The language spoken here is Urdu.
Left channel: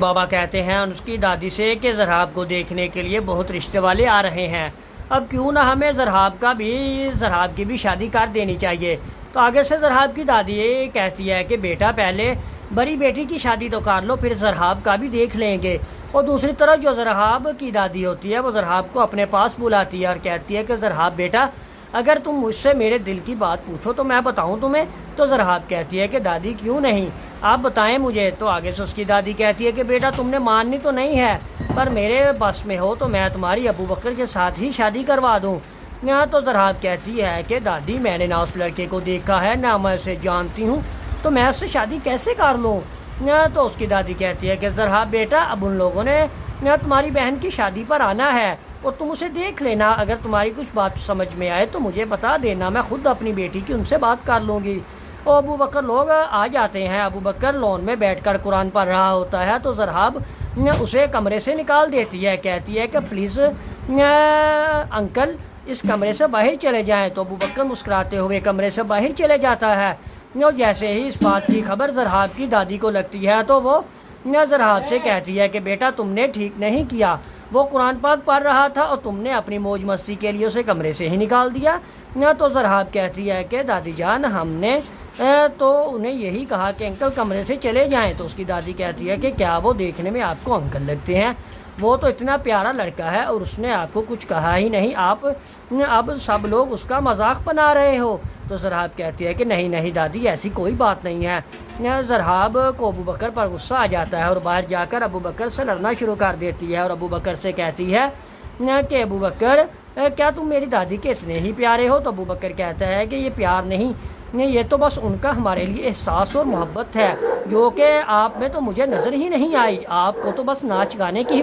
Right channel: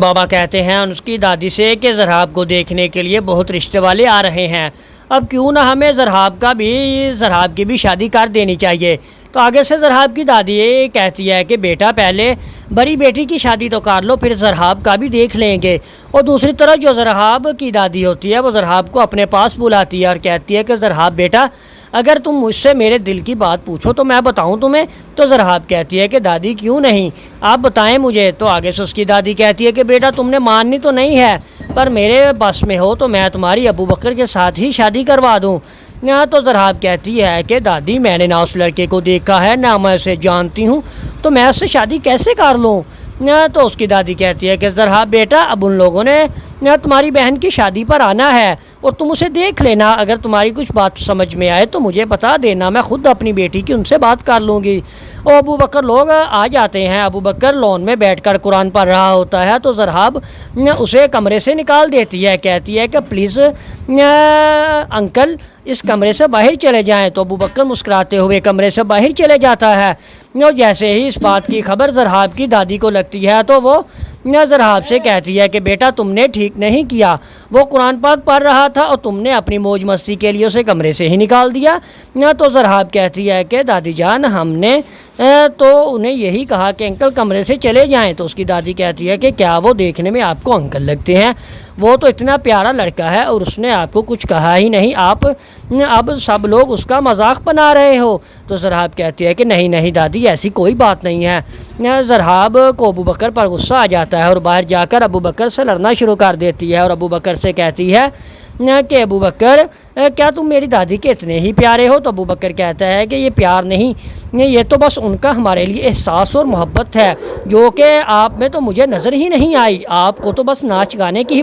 بابا کہتے ہیں اس کی دادی سے کہ زرہاب کو دیکھنے کے لیے بہت رشتے والے آ رہے ہیں، اب کیوں نہ ہمیں زرہاب کی بھی شادی کر دینی چاہیے۔ تو آگے سے زرہاب کی دادی کہتی ہے کہ بیٹا پہلے بڑی بیٹی کی شادی تو کر لو، پھر زرہاب کا بھی دیکھ لیں گے۔ اور دوسری طرف جو زرہاب کی دادی ہوتی ہے وہ زرہاب کو اپنے پاس بلاتی ہے اور کہتی ہے کہ زرہاب بیٹا اگر تم مجھ سے میرے دل کی بات پوچھو تو میں بتاؤں تمہیں۔ تو زرہاب کہتی ہے کہ دادی کیوں نہیں، آپ بتائیں مجھے۔ تو آگے سے اس کی دادی کہتی ہے کہ بیٹا تم نے ماننی تو نہیں ہے، پر میرے بس میں ہو تو میں تمہاری ابو بکر کے ساتھ ہی شادی کروا دوں۔ تو زرہاب کہتی ہے کہ دادی میں نے نہ اس لڑکے کو دیکھا ہے نہ میں اسے جانتی ہوں، تو میں اس سے شادی کیسے کر لوں۔ تو اس کی دادی کہتی ہے کہ زرہاب بیٹا اب ان لوگوں نے تمہاری بہن کی شادی پر آنا ہے اور تم اسے دیکھ لینا، اگر تمہاری کچھ بات سمجھ میں آئے تو مجھے بتا دینا، میں خود اپنی بیٹی کی ان سے بات کر لوں گی۔ اور ابو بکر لوگ آ جاتے ہیں، ابو بکر لون میں بیٹھ کر قرآن پڑھ رہا ہوتا ہے تو زرہاب اسے کمرے سے نکال دیتی ہے، کہتی ہے کہ پلیز انکل اس کمرے سے باہر چلے جائیں۔ تو ابو بکر مسکراتے ہوئے کمرے سے باہر چلے جاتا ہے۔ جیسے ہی اس بات کی خبر زرہاب کی دادی کو لگتی ہے تو وہ زرہاب سے کہتی ہے کہ بیٹا تم نے ٹھیک نہیں کیا، وہ قرآن پاک پڑھ رہا تھا اور تم نے اپنی موج مستی کے لیے اسے کمرے سے ہی نکال دیا۔ تو زرہاب کہتی ہے کہ دادی جان ہم نے تو انہیں یہی کہا کہ انکل کمرے سے چلے جائیں۔ تو اس کی دادی کہتی ہے کہ کیا وہ دیکھنے میں آپ کو انکل لگتے ہیں، وہ تو اتنا پیارا لڑکا ہے اور اس نے آپ کو کچھ کہا ہی نہیں، آپ اب سب لوگ اس کا مذاق بنا رہے ہو۔ تو زرہاب کہتی ہے کہ نہیں نہیں دادی ایسی کوئی بات نہیں ہے۔ زرہاب کو ابو بکر پر غصہ آ جاتا ہے اور باہر جا کر ابو بکر سے لڑنا شروع کر دیتی ہے اور ابو بکر سے کہتی ہے کہ ابو بکر کیا تم میری دادی کے اتنے ہی پیارے ہو؟ تو ابو بکر کہتا ہے کہ یہ پیار نہیں، یہ تو بس ان کا ہمارے لیے احساس اور محبت ہے جو کہ آپ میں تو مجھے نظر ہی نہیں آئی، آپ کو تو بس ناچ گانے کی